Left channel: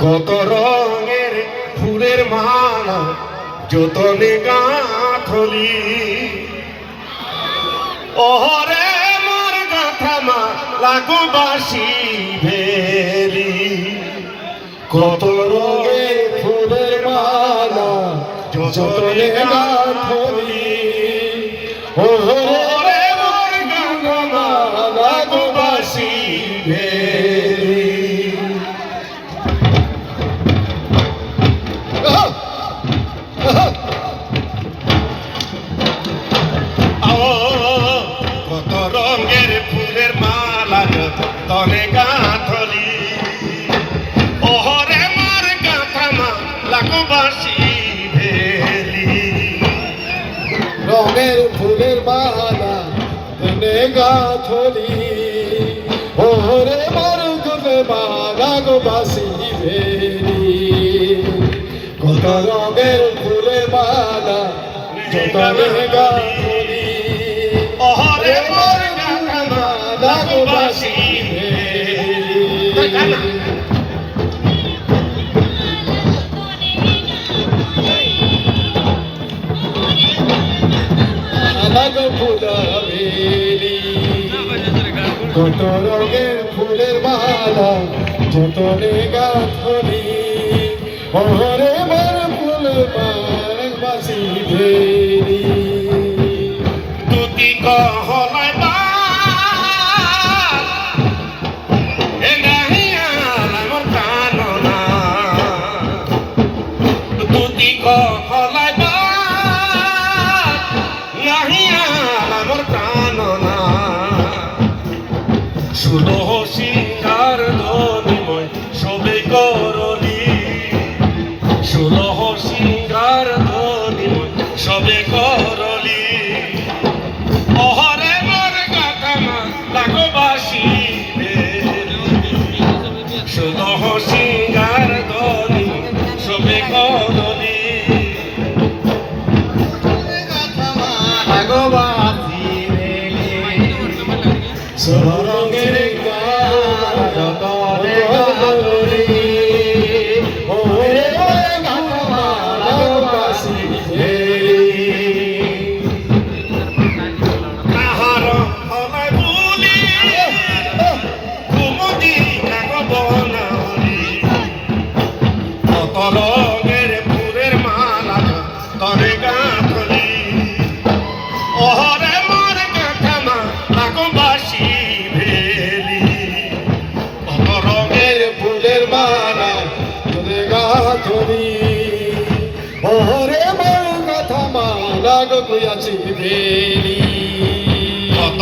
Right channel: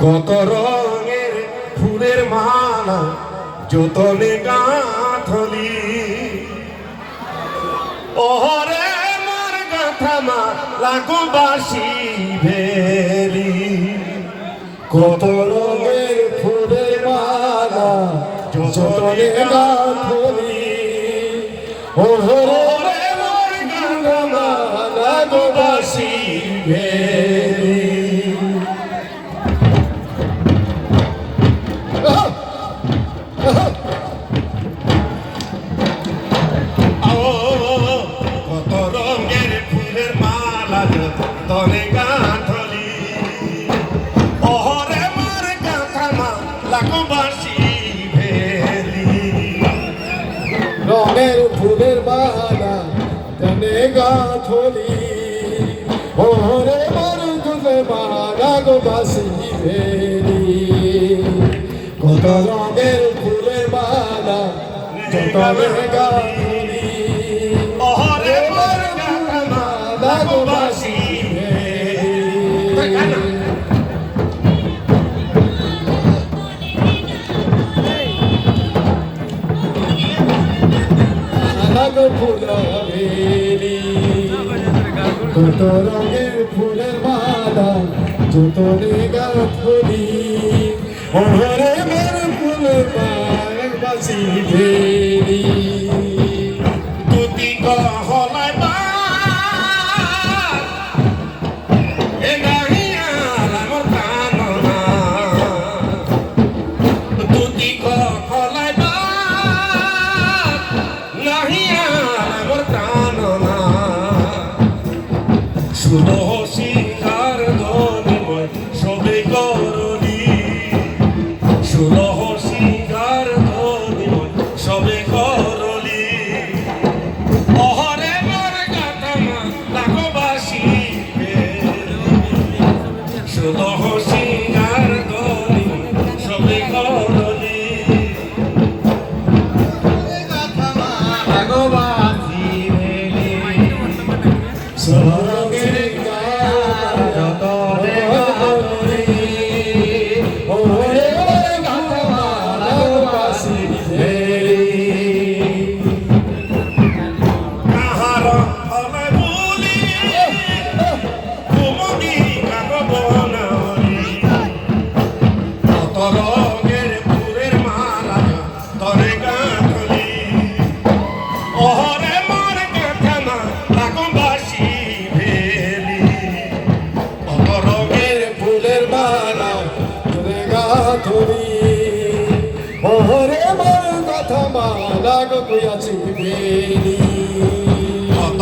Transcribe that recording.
কত রঙের ফুলের মালা যতনে গাঁথলি ওহরে মোর গাঁথা মালা গো বাঁশি ভেলি কত রঙের ফুলের মালা যতনে গাঁথলি ওহরে মোর গাঁথা মালা গো বাঁশি ভেলি কত রঙের ফুলের মালা তনে গাঁথলি ওহরে মোর গাঁথা মালা গো বাঁশি ভেলি রঙের ফুলের মালা তনে গাঁথলি ওহরে মোর গাঁথা মালা গো বাঁশি ভেলি কত রঙের ফুলের মালা যতনে গাঁথলি ওহরে মোর গাঁথা মালা গো বাঁশি ভেলি কত রঙের ফুলের মালা যতনে গাঁথলি ওহরে মোর ফুলের মালা বাঁশি ভেলি তুতি কহলাই বা এ নাহিয়া আমার প্রাণনা তুতি কহলাই বা নাহিয়া আমার প্রাণনা সুলহ সিংহার ধনিময় সবে করলি সুলহ সিংহার ধনিময় সবে করলি ওহরে মোর গাঁথা মালা গো বাঁশি ভেলি সুলহ সিংহার ধনিময় সবে করলি গো বাঁশি ভেলি রঙের যতনে গাঁথলি ওহরে মোর গাঁথা মালা গো বাঁশি ভেলি কাহার হলাই বুলি কুমুদি কাকব নাহলি কত রঙের ফুলের মালা তনে গাঁথলি ওহরে মোর গাঁথা মালা গো বাঁশি ভেলি কত রঙের ফুলের মালা তোরে গাঁথলি ওহরে মোর গাঁথা মালা গো বাঁশি ভেলি